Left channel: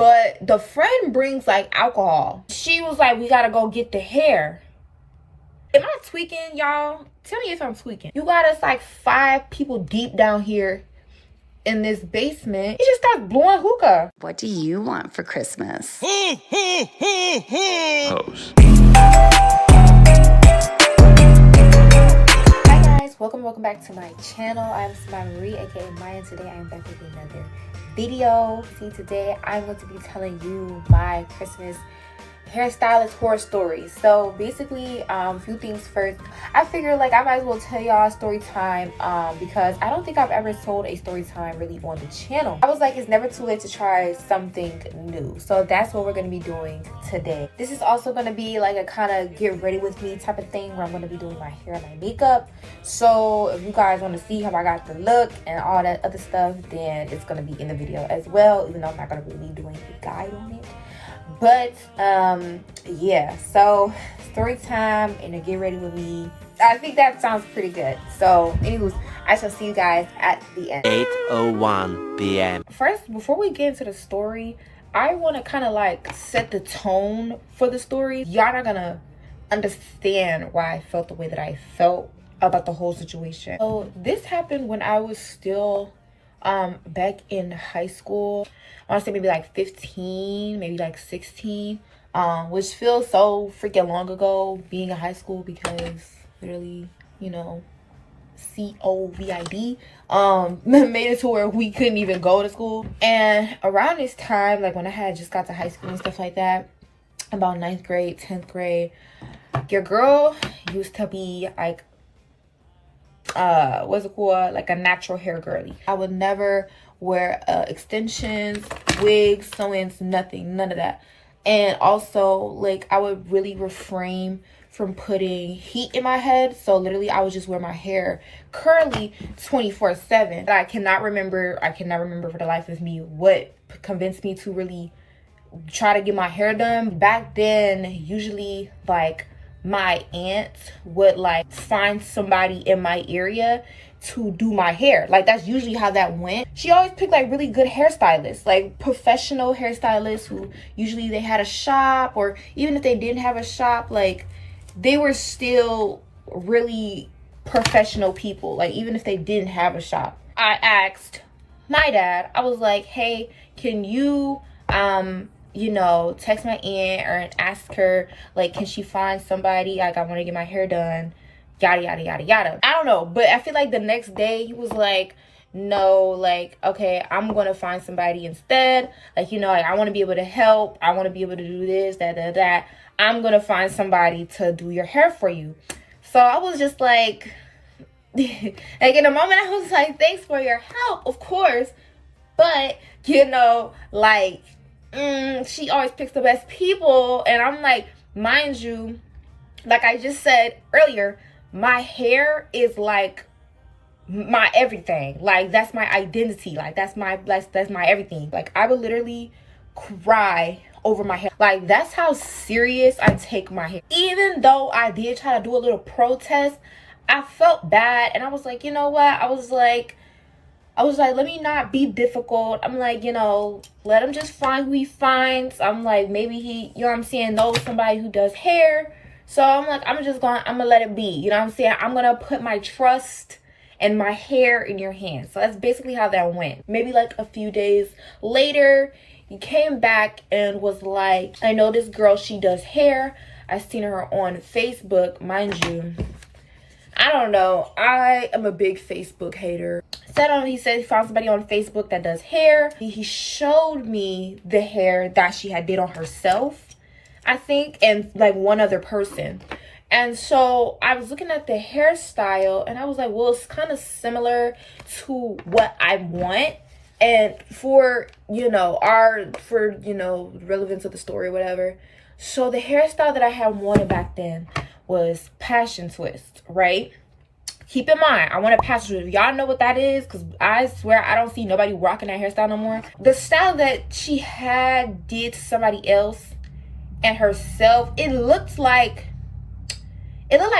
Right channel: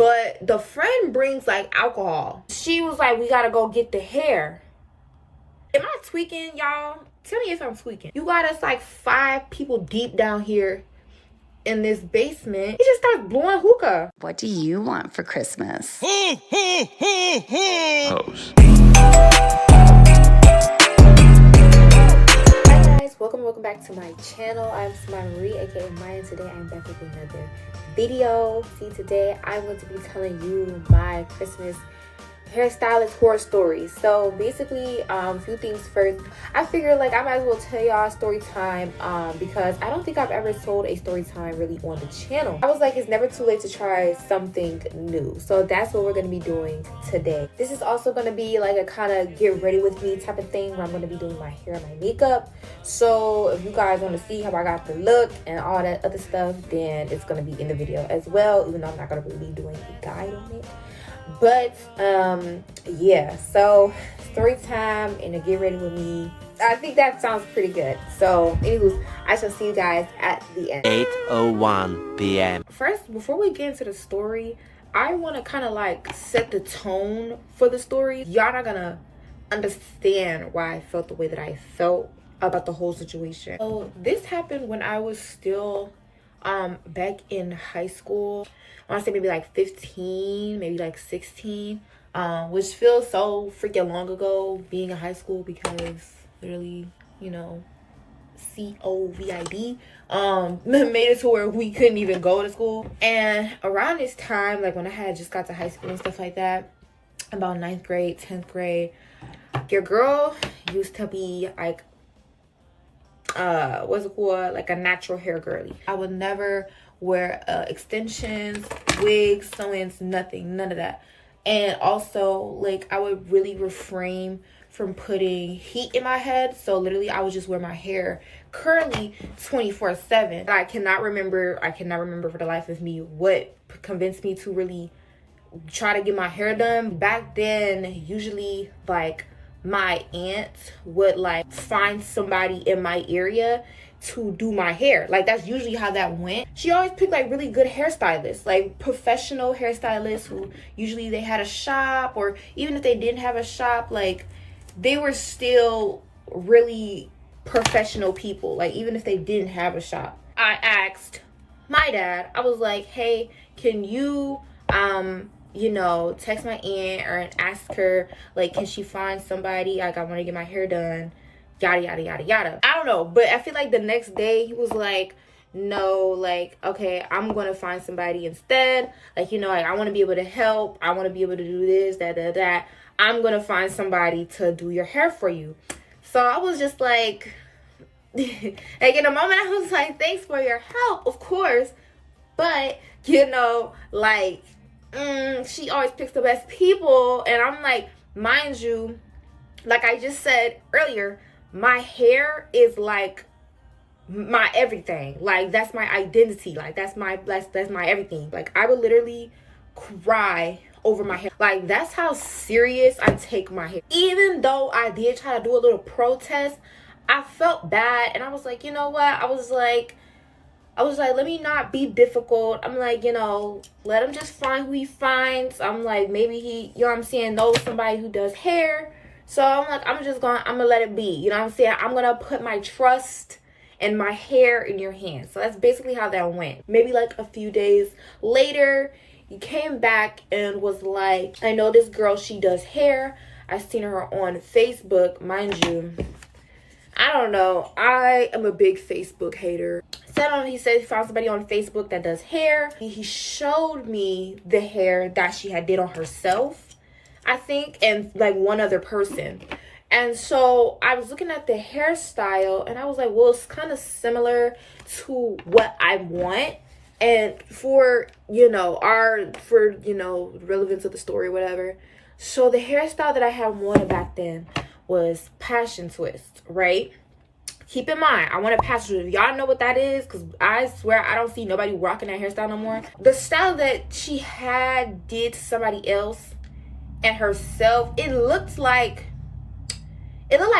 but the friend brings like alcohol. She was like, we gotta go get the hair. Am I tweaking, y'all? Tell me if I'm tweaking. You got us like 5 people deep down here in this basement. He just starts blowing hookah. What do you want for Christmas? Hoes. Hi guys, welcome back to my channel. I'm Samaya Marie, aka Maya, and today I'm back with another video. See, today I'm going to be telling you my Christmas hairstylist horror stories. So basically, a few things first. I figured like I might as well tell y'all story time because I don't think I've ever told a story time really on the channel. I was like, it's never too late to try something new. So that's what we're going to be doing today. This is also going to be like a kind of get ready with me type of thing where I'm going to be doing my hair and my makeup. So if you guys want to see how I got the look and all that other stuff, then it's going to be in the video as well, even though I'm not going to really be doing a guide on it. But yeah, so story time and to get ready with me. I think that sounds pretty good. So anyways, I shall see you guys at the end. 8:01 p.m. First, before we get into the story, I want to kind of like set the tone for the story. Y'all not gonna understand why I felt the way that I felt about the whole situation. So this happened when I was still back in high school. I want to say maybe like 15, maybe like 16, which feels so freaking long ago being in high school because literally, you know, COVID made it to where we couldn't even go to school. And around this time, like when I had just got to high school and stuff like that, about 9th grade, 10th grade, your girl used to be like what's it called, like a natural hair girly. I would never wear extensions, wigs, sew-ins, nothing, none of that. And also like I would really refrain from putting heat in my head. So literally I would just wear my hair curly 24/7. I cannot remember for the life of me what convinced me to really try to get my hair done. Back then, usually like my aunt would like find somebody in my area to do my hair. Like that's usually how that went. She always picked like really good hairstylists, like professional hairstylists who usually they had a shop, or even if they didn't have a shop, like they were still really professional people, like even if they didn't have a shop. I asked my dad, I was like, hey, can you you know, text my aunt or ask her, like, can she find somebody? Like, I want to get my hair done, yada, yada, yada, yada. I don't know, but I feel like the next day he was like, no, like, okay, I'm going to find somebody instead. Like, you know, like, I want to be able to help. I want to be able to do this, that. I'm going to find somebody to do your hair for you. So I was just like, like in a moment I was like, thanks for your help, of course. But, you know, like, she always picks the best people. And I'm like, mind you, like I just said earlier, my hair is like my everything. Like that's my identity. Like that's my everything. Like I would literally cry over my hair. Like that's how serious I take my hair. Even though I did try to do a little protest, I felt bad, and I was like, you know what, I was like, let me not be difficult. I'm like, you know, let him just find who he finds. I'm like, maybe he, you know what I'm saying, knows somebody who does hair. So I'm like, I'm gonna let it be. You know what I'm saying? I'm gonna put my trust and my hair in your hands. So that's basically how that went. Maybe like a few days later, he came back and was like, I know this girl, she does hair. I seen her on Facebook, mind you. I don't know. I am a big Facebook hater. He said he found somebody on Facebook that does hair. He showed me the hair that she had did on herself, I think, and like one other person. And so I was looking at the hairstyle and I was like, well, it's kind of similar to what I want. And for, you know, relevance of the story or whatever. So the hairstyle that I had wanted back then was passion twist, right? Keep in mind, I want a passion twist. Y'all know what that is? Because I swear I don't see nobody rocking that hairstyle no more. The style that she had did to somebody else and herself, it looked like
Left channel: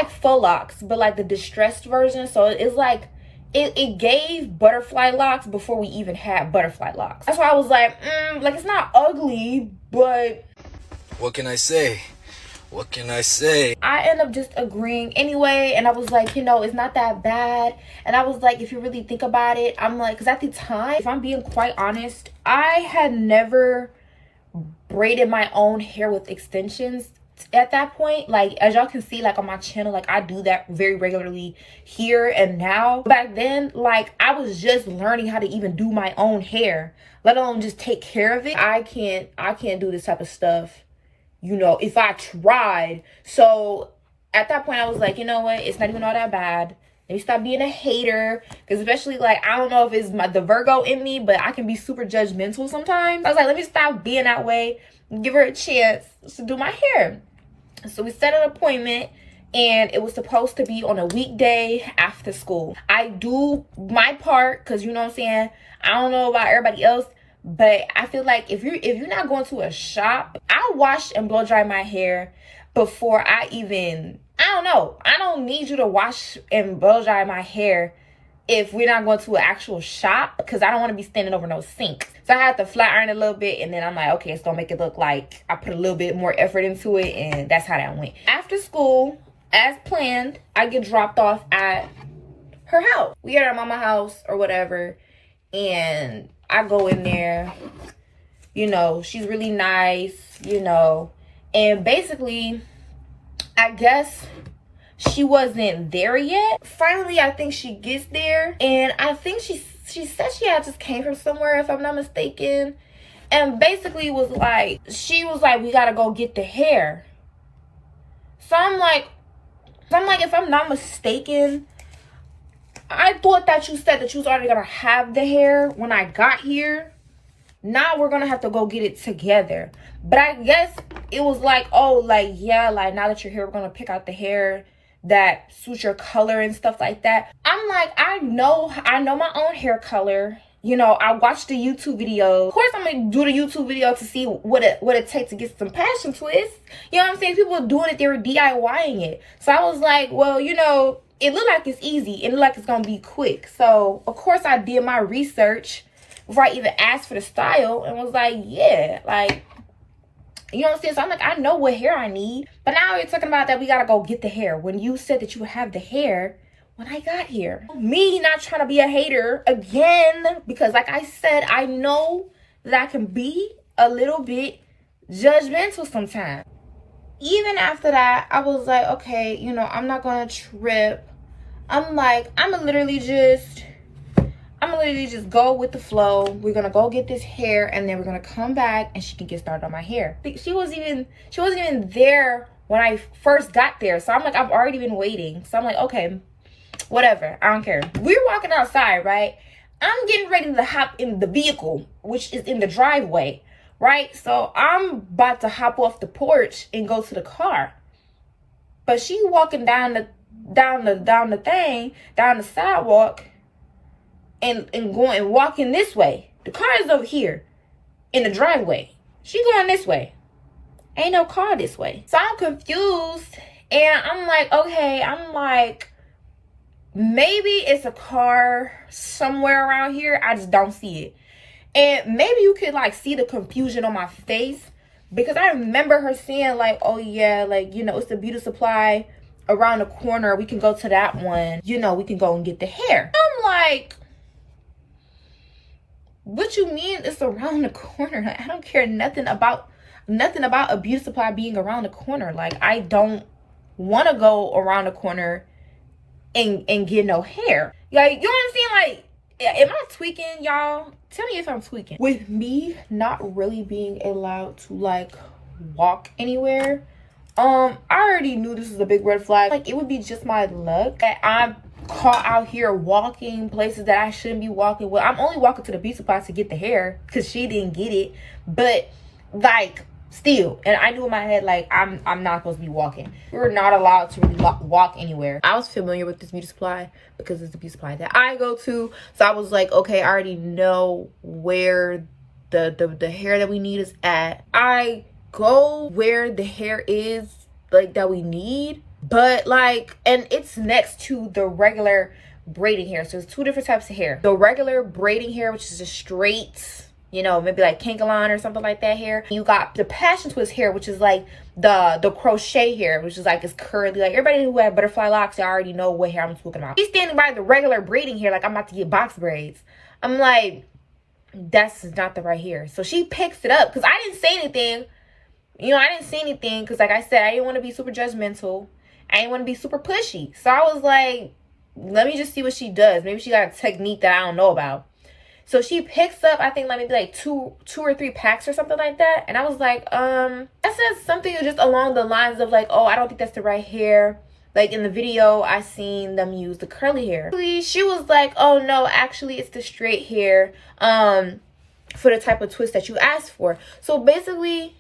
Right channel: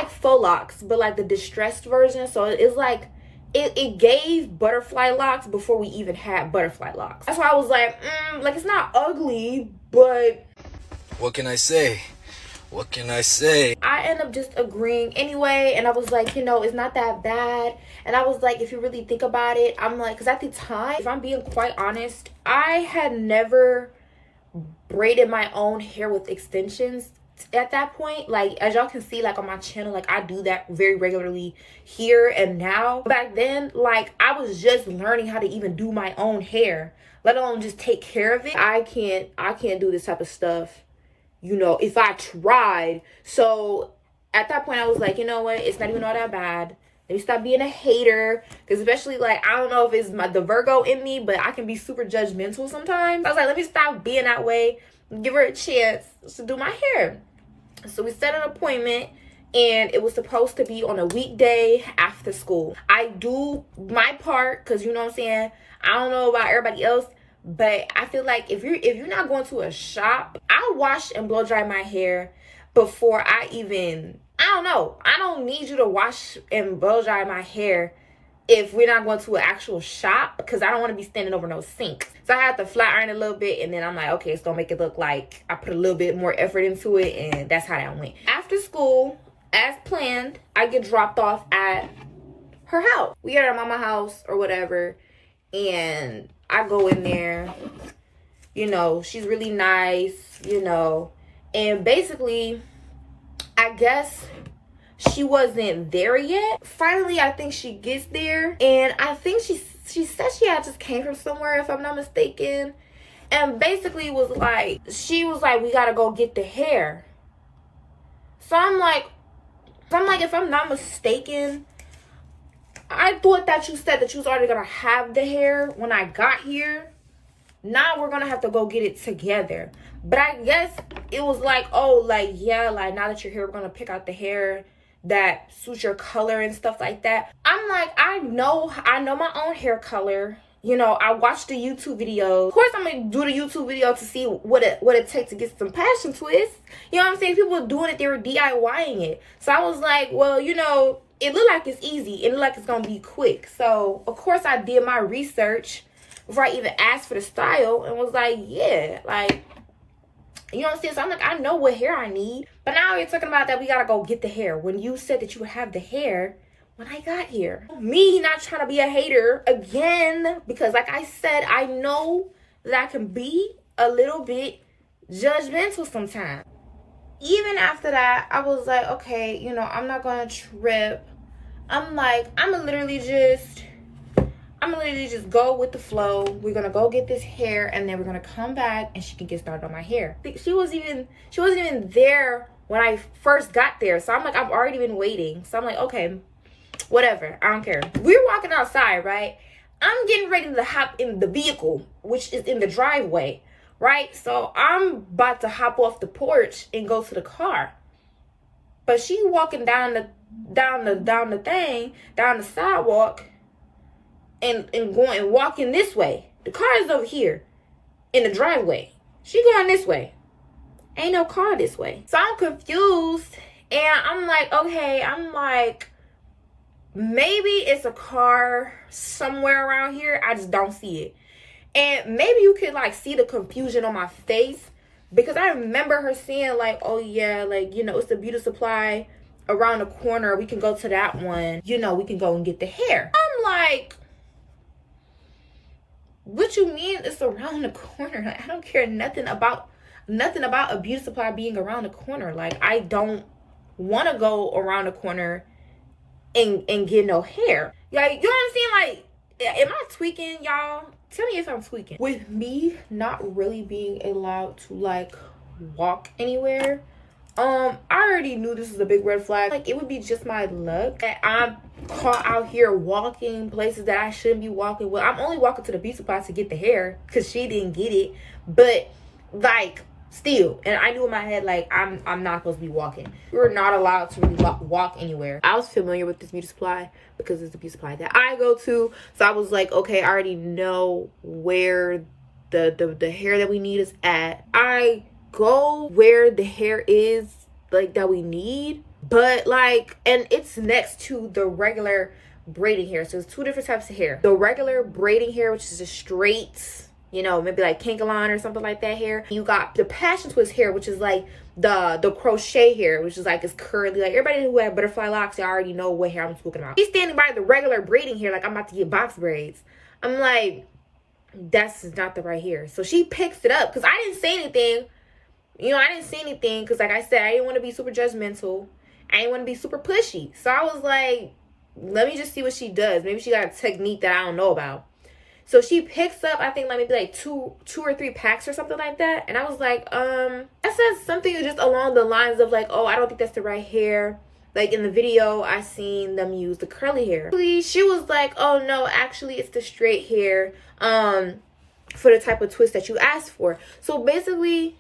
faux locks, but like the distressed version. So it's like it gave butterfly locks before we even had butterfly locks. That's why I was like, like it's not ugly, but what can I say? What can I say? I end up just agreeing anyway. And I was like, you know, it's not that bad. And I was like, if you really think about it, I'm like, because at the time, if I'm being quite honest, I had never braided my own hair with extensions at that point. Like, as y'all can see, like on my channel, like I do that very regularly here and now. Back then, like I was just learning how to even do my own hair, let alone just take care of it. I can't do this type of stuff, you know, if I tried. So at that point I was like, you know what, it's not even all that bad. Let me stop being a hater, because especially like, I don't know if it's the Virgo in me, but I can be super judgmental sometimes. I was like, let me stop being that way, give her a chance to do my hair. So we set an appointment, and it was supposed to be on a weekday after school. I do my part, because you know what I'm saying, I don't know about everybody else, but I feel like if you're not going to a shop, I wash and blow dry my hair before I don't know. I don't need you to wash and blow dry my hair if we're not going to an actual shop, because I don't want to be standing over no sink. So I had to flat iron a little bit, and then I'm like, okay, it's gonna make it look like I put a little bit more effort into it, and that's how that went. After school, as planned, I get dropped off at her house. We at her mama's house or whatever, and I go in there, you know, she's really nice, you know, and basically, I guess she wasn't there yet. Finally, I think she gets there, and I think she said she had just came from somewhere, if I'm not mistaken, and basically she was like, we gotta go get the hair. So I'm like, if I'm not mistaken, I thought that you said that you was already gonna have the hair when I got here. Now we're gonna have to go get it together. But I guess it was like, oh, like, yeah, like now that you're here, we're gonna pick out the hair that suits your color and stuff like that. I'm like, I know my own hair color. You know, I watched the YouTube video. Of course, I'm gonna do the YouTube video to see what it takes to get some passion twists. You know what I'm saying? People doing it, they were DIYing it. So I was like, well, you know, it looked like it's easy. It looked like it's gonna be quick. So of course I did my research before I even asked for the style, and was like, yeah, like, you know what I'm saying? So I'm like, I know what hair I need. But now you're talking about that we gotta go get the hair, when you said that you would have the hair when I got here. Me not trying to be a hater again, because like I said, I know that I can be a little bit judgmental sometimes. Even after that, I was like, okay, you know, I'm not gonna trip. I'm like, I'm gonna literally just go with the flow. We're gonna go get this hair, and then we're gonna come back and she can get started on my hair. She wasn't even there when I first got there. So I'm like, I've already been waiting. So I'm like, okay, whatever, I don't care. We're walking outside, right? I'm getting ready to hop in the vehicle, which is in the driveway, right? So I'm about to hop off the porch and go to the car. But she walking down the sidewalk and walking this way. The car is over here in the driveway. She going this way. Ain't no car this way. So I'm confused, and I'm like, okay, maybe it's a car somewhere around here. I just don't see it. And maybe you could like see the confusion on my face, because I remember her saying like, oh yeah, like, you know, it's the beauty supply around the corner. We can go to that one. You know, we can go and get the hair. I'm like, what you mean it's around the corner? I don't care nothing about a beauty supply being around the corner. Like, I don't want to go around the corner and get no hair. Like, you know what I'm saying? Like, am I tweaking, y'all? Tell me if I'm tweaking. With me not really being allowed to like walk anywhere, I already knew this was a big red flag. Like, it would be just my luck that I'm caught out here walking places that I shouldn't be walking. Well, I'm only walking to the beauty supply to get the hair because she didn't get it. But like, still, and I knew in my head, like, I'm not supposed to be walking. We're not allowed to really walk anywhere. I was familiar with this beauty supply because it's the beauty supply that I go to. So I was like, okay, I already know where the hair that we need is at. I go where the hair is, like, that we need, but like, and it's next to the regular braiding hair. So there's two different types of hair. The regular braiding hair, which is just straight, you know, maybe like Kankalon or something like that hair. You got the passion twist hair, which is like the crochet hair, which is like it's curly. Like everybody who had butterfly locks, y'all already know what hair I'm talking about. She's standing by the regular braiding hair like I'm about to get box braids. I'm like, that's not the right hair. So she picks it up because I didn't say anything. You know, I didn't say anything because, like I said, I didn't want to be super judgmental. I didn't want to be super pushy. So I was like, let me just see what she does. Maybe she got a technique that I don't know about. So she picks up, I think, like maybe like two or three packs or something like that. And I was like, I said something just along the lines of like, oh, I don't think that's the right hair. Like in the video, I seen them use the curly hair. She was like, oh no, actually it's the straight hair for the type of twist that you asked for. So basically,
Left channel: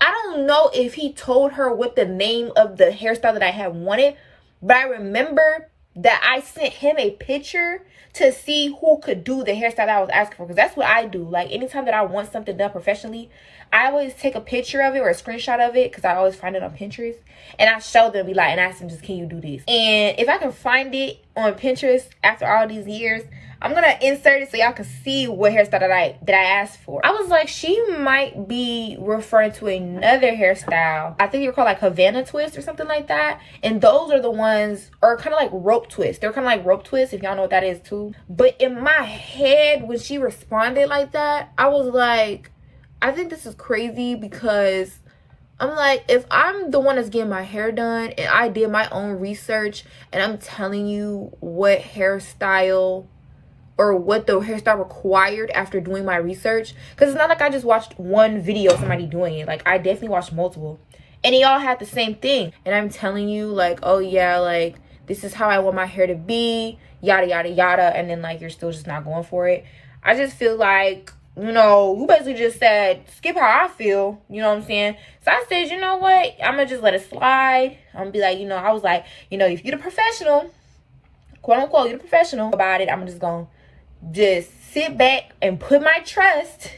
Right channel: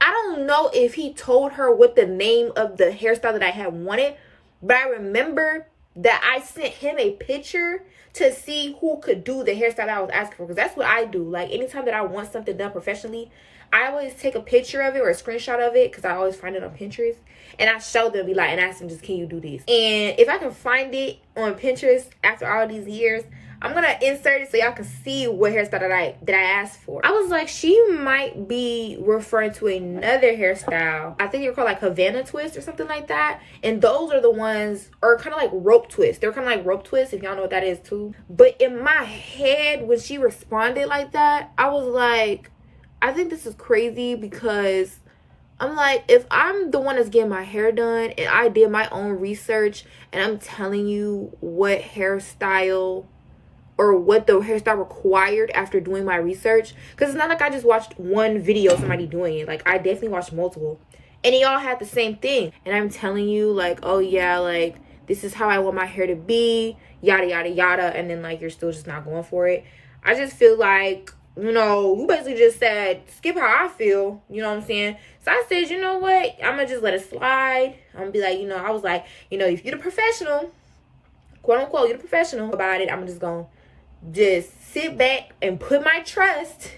I don't know if he told her what the name of the hairstyle that I had wanted, but I remember that I sent him a picture to see who could do the hairstyle that I was asking for, because that's what I do. Like anytime that I want something done professionally, I always take a picture of it or a screenshot of it, because I always find it on Pinterest, and I show them, be like, and ask them, just, can you do this? And if I can find it on Pinterest after all these years, I'm gonna insert it so y'all can see what hairstyle that I asked for. I was like, she might be referring to another hairstyle. I think they're called like Havana twist or something like that. And those are the ones, or kind of like rope twist. They're kind of like rope twist, if y'all know what that is too. But in my head, when she responded like that, I was like, I think this is crazy, because I'm like, if I'm the one that's getting my hair done and I did my own research and I'm telling you what hairstyle or what the hairstyle required after doing my research, because it's not like I just watched one video of somebody doing it. Like I definitely watched multiple, and they all had the same thing. And I'm telling you, like, oh yeah, like this is how I want my hair to be, yada yada yada, and then like you're still just not going for it. I just feel like, you know, you basically just said skip how I feel, you know what I'm saying? So I said, you know what, I'm gonna just let it slide. I'm gonna be like, you know, I was like, you know, if you're the professional, quote unquote, you're the professional about it, I'm just gonna just sit back and put my trust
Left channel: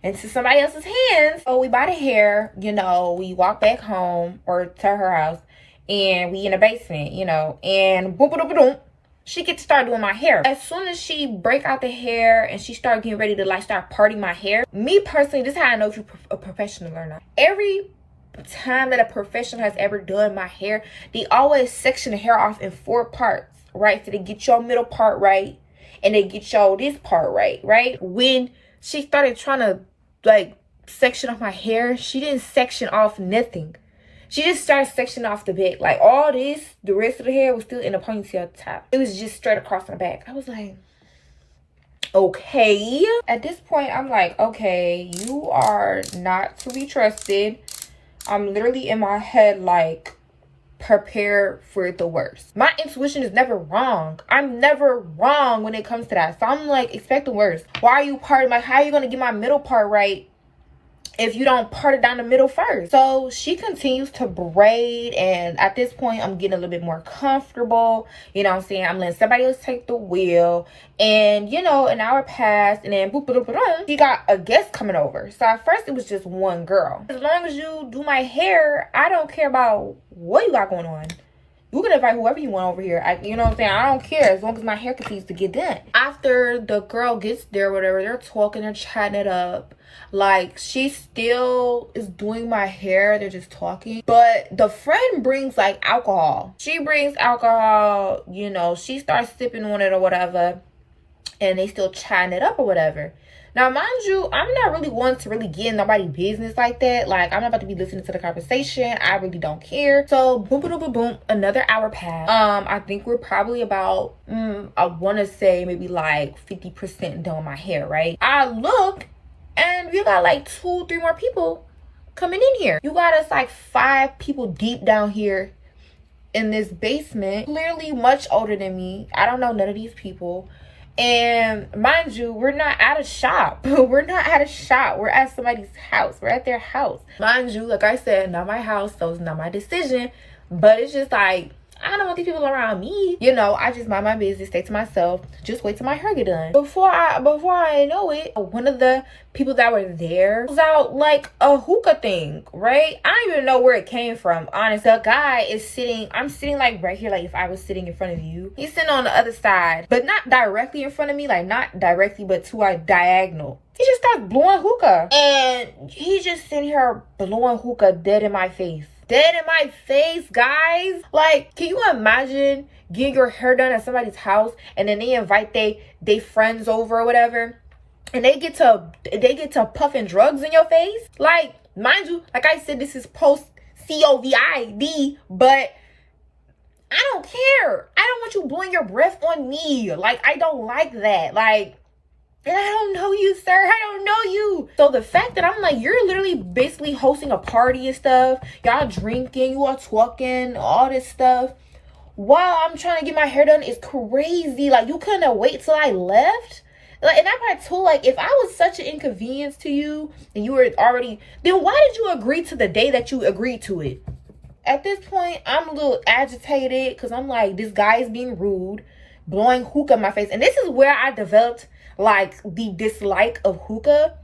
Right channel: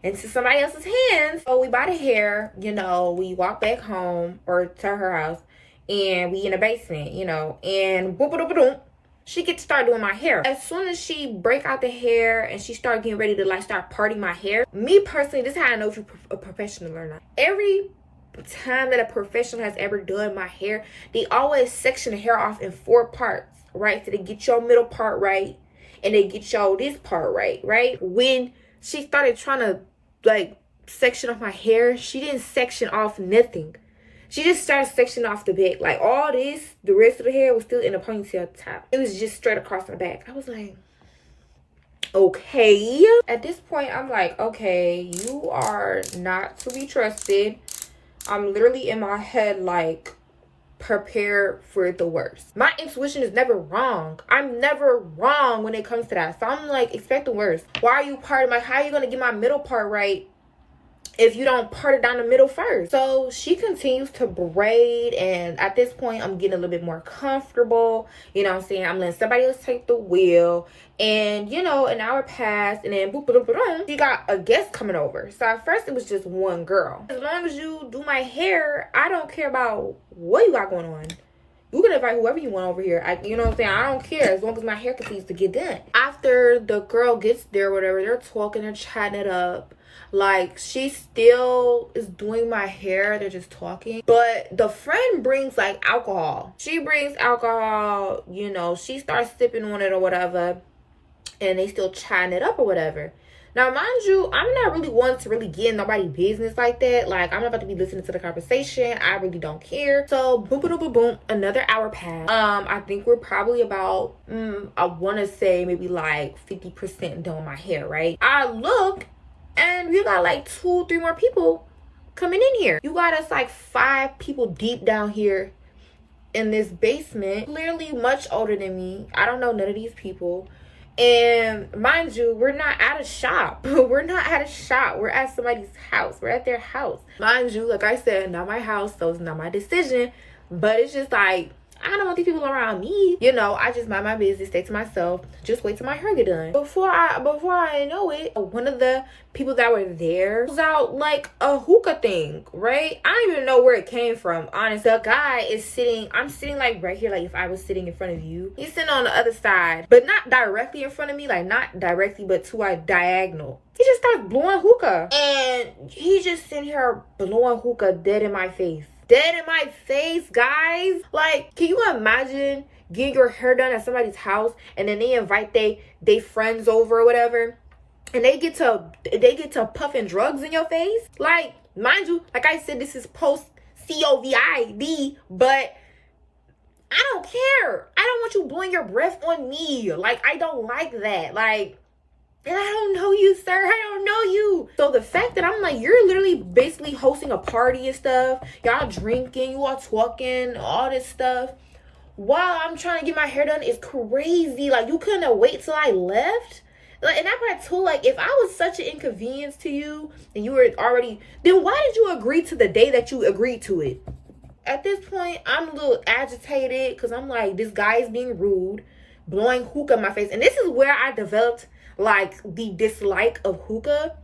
into somebody else's hands. So we bought a hair, you know, we walk back home or to her house, and we in the basement, you know, and boom, boom, boom, boom, she gets to start doing my hair. As soon as she break out the hair and she start getting ready to like start parting my hair, me personally, this is how I know if you're a professional or not. Every time that a professional has ever done my hair, they always section the hair off in 4 parts, right? So they get your middle part right, and they get y'all this part right? When she started trying to like section off my hair, she didn't section off nothing. She just started sectioning off the back. Like all this, the rest of the hair was still in a ponytail top. It was just straight across the back. I was like, okay. At this point, I'm like, okay, you are not to be trusted. I'm literally in my head like, prepare for the worst. My intuition is never wrong. I'm never wrong when it comes to that. So I'm like, expect the worst. Why are you parting? Like, how are you gonna get my middle part right if you don't part it down the middle first? So she continues to braid, and at this point I'm getting a little bit more comfortable, you know what I'm saying? I'm letting somebody else take the wheel, and you know, an hour passed, and then boop, boop, boop, boop, she got a guest coming over. So at first it was just one girl. As long as you do my hair, I don't care about what you got going on. You can invite whoever you want over here. You know what I'm saying? I don't care as long as my hair continues to get done. After the girl gets there, whatever, they're talking, they're chatting it up. Like, she still is doing my hair. They're just talking. But the friend brings, like, alcohol. She brings alcohol, you know. She starts sipping on it or whatever. And they still chatting it up or whatever. Now, mind you, I'm not really one to really get in nobody's business like that. Like, I'm not about to be listening to the conversation. I really don't care. So, boom, boom, boom, boom, another hour passed. I think we're probably about, I want to say maybe like 50% done my hair, right? I look, and we got like 2-3 more people coming in here. You got us like 5 people deep down here in this basement. Clearly much older than me. I don't know none of these people. And mind you, we're not at a shop. We're not at a shop. We're at somebody's house. We're at their house. Mind you, like I said, not my house, so it's not my decision. But it's just like, I don't want these people around me. You know, I just mind my business, stay to myself, just wait till my hair get done. Before I know it, one of the people that were there was out like a hookah thing, right? I don't even know where it came from, honestly. The guy is sitting, I'm sitting like right here, like if I was sitting in front of you. He's sitting on the other side, but not directly in front of me, like not directly, but to a diagonal. He just starts blowing hookah. And he just sitting here blowing hookah dead in my face. Dead in my face, guys. Like, can you imagine getting your hair done at somebody's house and then they invite they friends over or whatever, and they get to puffing drugs in your face? Like, mind you, like I said, this is post COVID, but I don't care. I don't want you blowing your breath on me. Like, I don't like that. Like, and I don't know you, sir. I don't know you. So the fact that I'm like, you're literally basically hosting a party and stuff. Y'all drinking, you all talking, all this stuff, while I'm trying to get my hair done is crazy. Like, you couldn't wait till I left? Like, and I'm like, too, like, if I was such an inconvenience to you and you were already, then why did you agree to the day that you agreed to it? At this point, I'm a little agitated because I'm like, this guy is being rude, blowing hookah in my face. And this is where I developed like the dislike of hookah,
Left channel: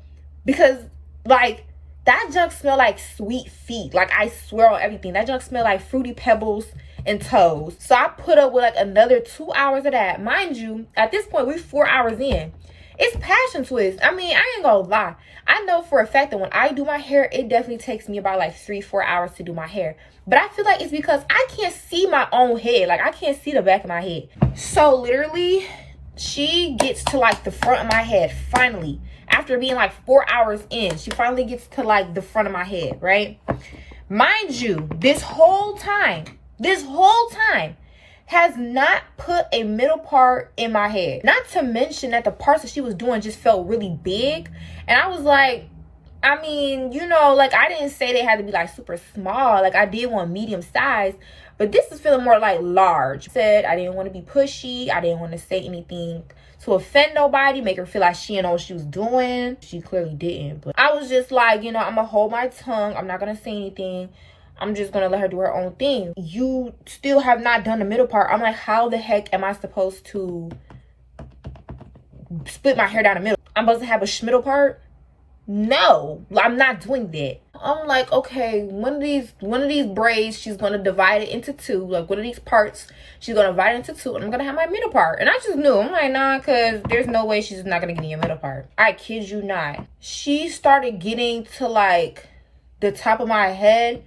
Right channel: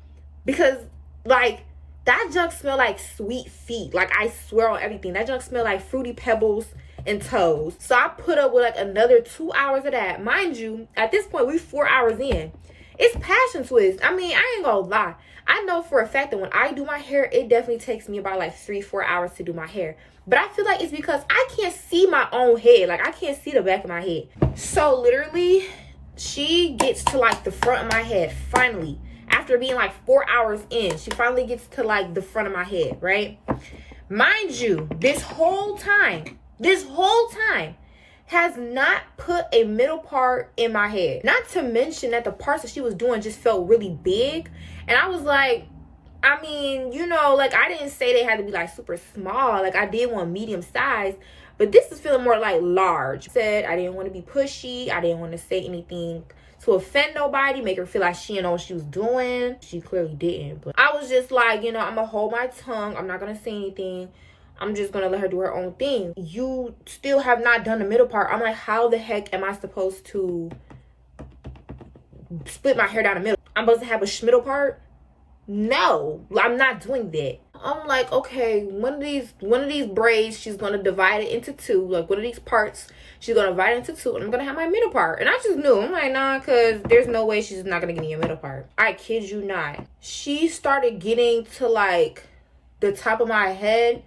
because like that junk smell like sweet feet. Like, I swear on everything, that junk smell like Fruity Pebbles and toes. So I put up with like another 2 hours of that. Mind you, at this point we're 4 hours in. It's passion twist. I mean, I ain't gonna lie, I know for a fact that when I do my hair, it definitely takes me about like 3-4 hours to do my hair. But I feel like it's because I can't see my own head. Like, I can't see the back of my head. So literally, she gets to like the front of my head finally. After being like 4 hours in, she finally gets to like the front of my head, right? Mind you, this whole time has not put a middle part in my head. Not to mention that the parts that she was doing just felt really big. And I was like, I mean, you know, like, I didn't say they had to be like super small. Like, I did want medium size, but this is feeling more like large. Said I didn't want to be pushy. I didn't want to say anything to offend nobody, make her feel like she didn't know what she was doing. She clearly didn't. But I was just like, you know, I'm gonna hold my tongue. I'm not gonna say anything. I'm just gonna let her do her own thing. You still have not done the middle part. I'm like, how the heck am I supposed to split my hair down the middle? I'm supposed to have a schmiddle part? No, I'm not doing that. I'm like, okay, one of these braids, she's gonna divide it into two. Like, one of these parts, she's gonna divide it into two, and I'm gonna have my middle part. And I just knew. I'm like, nah, because there's no way she's not gonna give me a middle part. I kid you not. She started getting to like the top of my head.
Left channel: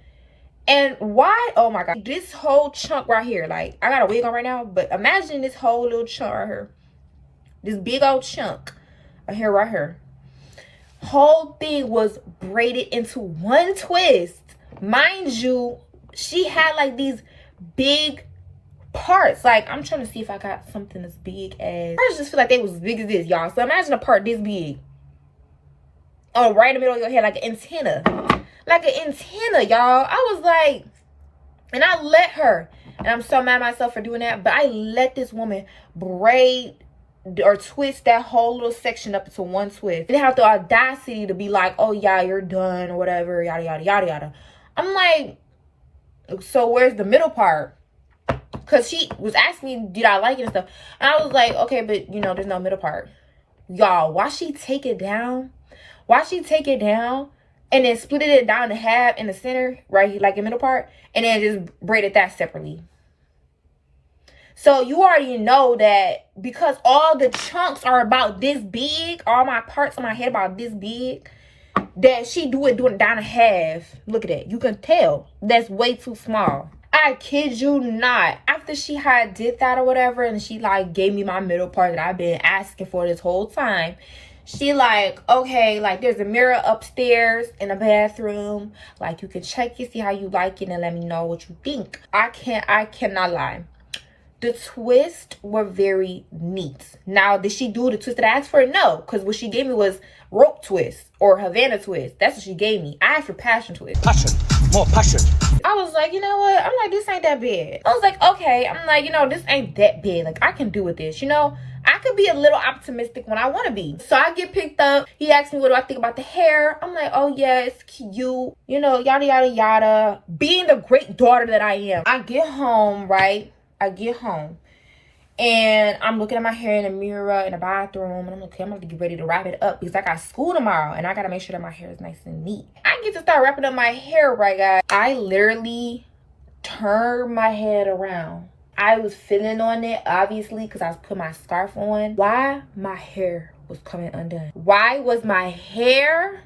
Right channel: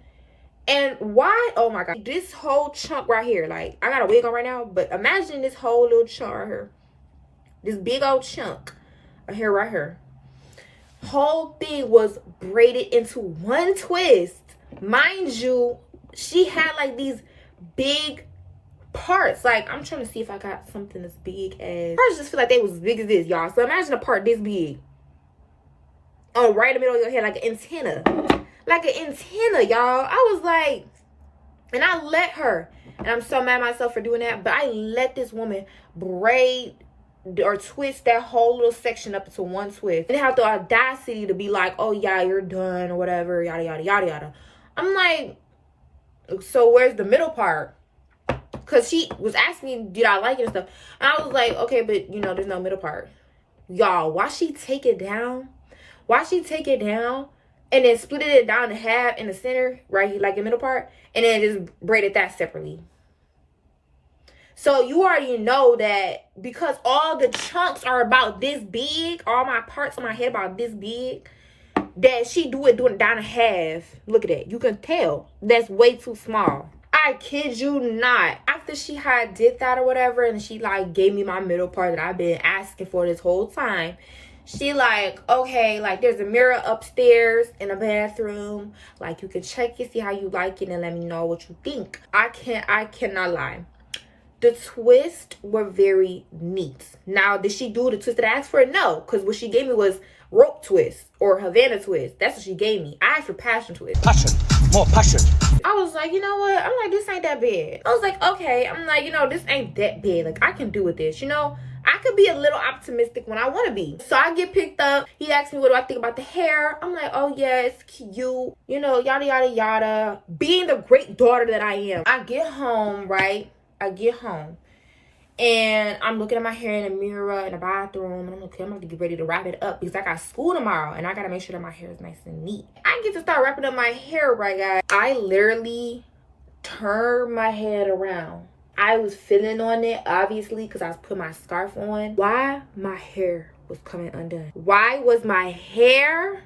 And why? Oh my god, this whole chunk right here, like, I got a wig on right now, but imagine this whole little chunk right here, this big old chunk of hair right here. Whole thing was braided into one twist. Mind you, she had like these big parts. Like, I'm trying to see if I got something as big as, I just feel like they was as big as this, y'all. So imagine a part this big, oh, right in the middle of your head, like an antenna. Like an antenna, y'all. I was like, and I let her, and I'm so mad at myself for doing that, but I let this woman braid or twist that whole little section up into one twist. They have the audacity to be like, oh yeah, you're done or whatever, yada yada yada yada. I'm like, so where's the middle part? Because she was asking me, did I like it and stuff, and I was like, okay, but you know, there's no middle part. Y'all, why she take it down? Why she take it down and then split it down in half in the center, right, like the middle part, and then just braided that separately? So you already know that because all the chunks are about this big, all my parts on my head about this big, that she doing it down in half. Look at that. You can tell that's way too small. I kid you not. After she had did that or whatever, and she like gave me my middle part that I've been asking for this whole time, she like, okay, like there's a mirror upstairs in the bathroom. Like, you can check it, see how you like it, and let me know what you think. I cannot lie. The twists were very neat. Now, did she do the twist that I asked for? No, because what she gave me was rope twist or Havana twist. That's what she gave me. I asked for passion twist. Passion. More passion. I was like, you know what? I'm like, this ain't that bad. I was like, okay. I'm like, you know, this ain't that bad. Like, I can do with this. You know, I could be a little optimistic when I want to be. So I get picked up. He asked me, what do I think about the hair? I'm like, oh yeah, it's cute. You know, yada, yada, yada. Being the great daughter that I am. I get home, right? I get home. And I'm looking at my hair in the mirror in the bathroom. And I'm like, okay, I'm going to get ready to wrap it up. Because I got school tomorrow. And I got to make sure that my hair is nice and neat. I get to start wrapping up my hair, right, guys? I literally turned my head around. I was feeling on it, obviously, because I was putting my scarf on. Why my hair was coming undone? Why was my hair,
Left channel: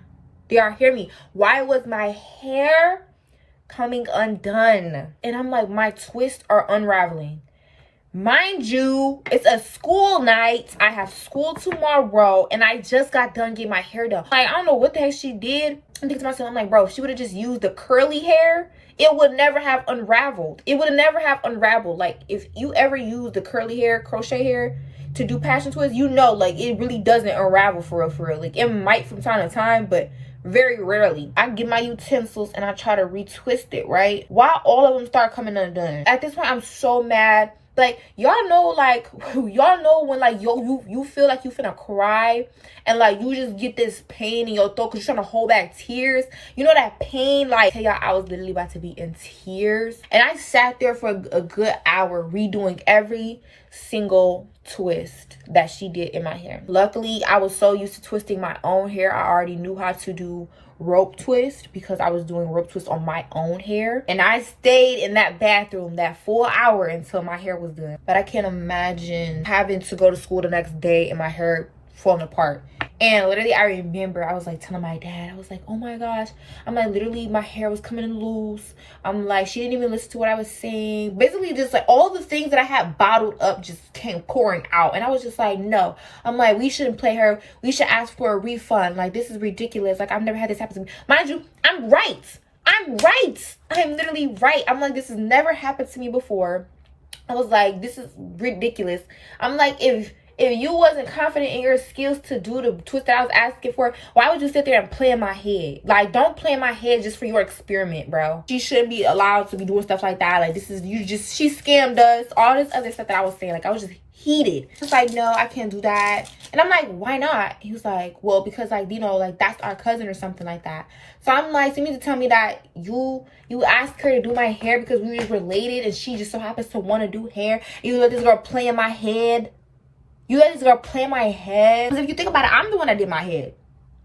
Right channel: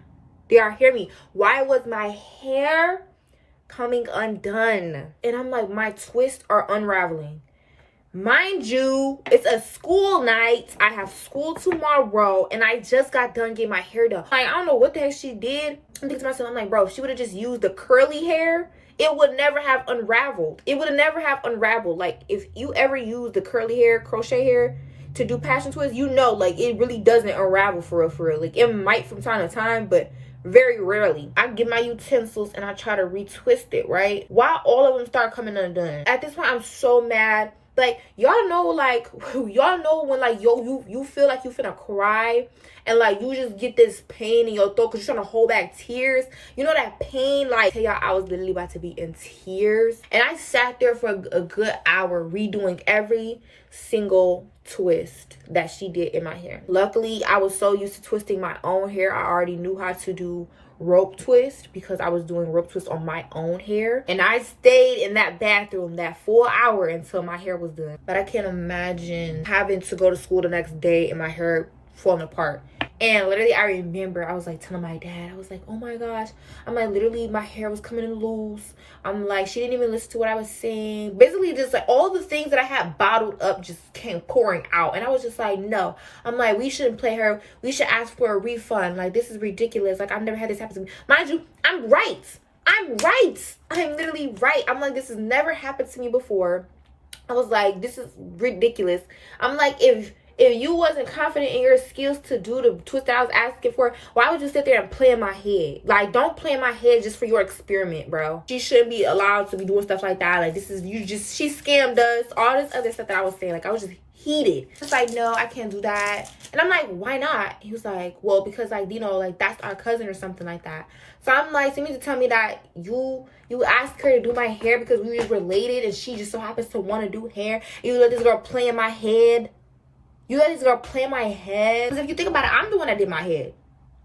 do y'all hear me? Why was my hair coming undone? And I'm like, my twists are unraveling. Mind you, it's a school night. I have school tomorrow, and I just got done getting my hair done. Like, I don't know what the heck she did. I'm thinking to myself, I'm like, bro, if she would have just used the curly hair, it would never have unraveled. It would never have unraveled. Like, if you ever use the curly hair, crochet hair to do passion twists, you know, like, it really doesn't unravel for real, for real. Like, it might from time to time, but very rarely. I get my utensils and I try to retwist it, right? While all of them start coming undone. At this point, I'm so mad. Like, y'all know, like, y'all know when, like, you feel like you finna cry and, like, you just get this pain in your throat because you're trying to hold back tears. You know that pain? Like, hey, y'all, I was literally about to be in tears. And I sat there for a good hour redoing every single twist that she did in my hair. Luckily, I was so used to twisting my own hair. I already knew how to do rope twist because I was doing rope twist on my own hair, and I stayed in that bathroom that full hour until my hair was done. But I can't imagine having to go to school the next day and my hair falling apart. And literally, I remember I was like telling my dad, I was like, oh my gosh, I'm like, literally my hair was coming in loose. I'm like, she didn't even listen to what I was saying. Basically, just like all the things that I had bottled up just came pouring out. And I was just like, no. I'm like, we shouldn't play her. We should ask for a refund. Like, this is ridiculous. Like, I've never had this happen to me. Mind you, I'm right. I'm literally right. I'm like, this has never happened to me before. I was like, this is ridiculous. I'm like, if you wasn't confident in your skills to do the twist that I was asking for, why would you sit there and play in my head? Like, don't play in my head just for your experiment, bro. She shouldn't be allowed to be doing stuff like that. Like, this is, she scammed us. All this other stuff that I was saying. Like, I was just heated. He was like, no, I can't do that. And I'm like, why not? He was like, well, because, like, you know, like, that's our cousin or something like that. So I'm like, so you mean to tell me that you asked her to do my hair because we were related and she just so happens to want to do hair? You let this girl play in my head? You let this girl play in my head? Because if you think about it, I'm the one that did my head.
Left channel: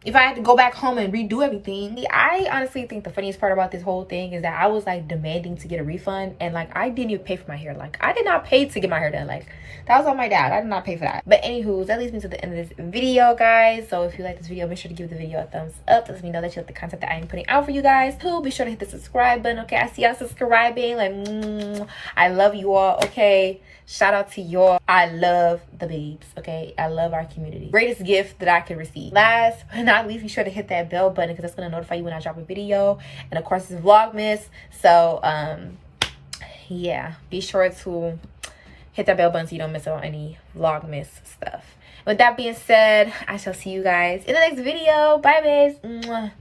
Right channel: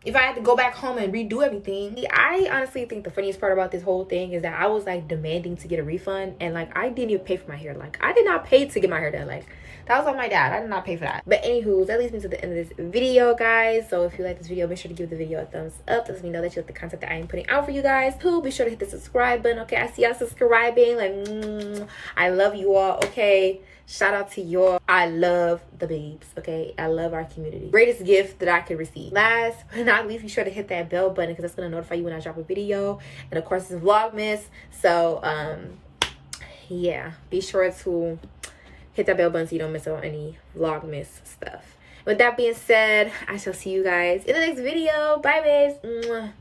If I had to go back home and redo everything. I honestly think the funniest part about this whole thing is that I was like demanding to get a refund. And like, I didn't even pay for my hair. Like, I did not pay to get my hair done. Like, that was on my dad. I did not pay for that. But anywho, that leads me to the end of this video, guys. So if you like this video, make sure to give the video a thumbs up. That lets me know that you like the content that I am putting out for you guys. Too, be sure to hit the subscribe button. Okay, I see y'all subscribing. Like, I love you all. Okay, shout out to y'all. I love the babes. Okay, I love our community. Greatest gift that I could receive. Last but not least, be sure to hit that bell button because that's going to notify you when I drop a video. And of course, it's Vlogmas. So yeah, be sure to hit that bell button so you don't miss out on any Vlogmas stuff. With that being said, I shall see you guys in the next video. Bye, babes. Mwah.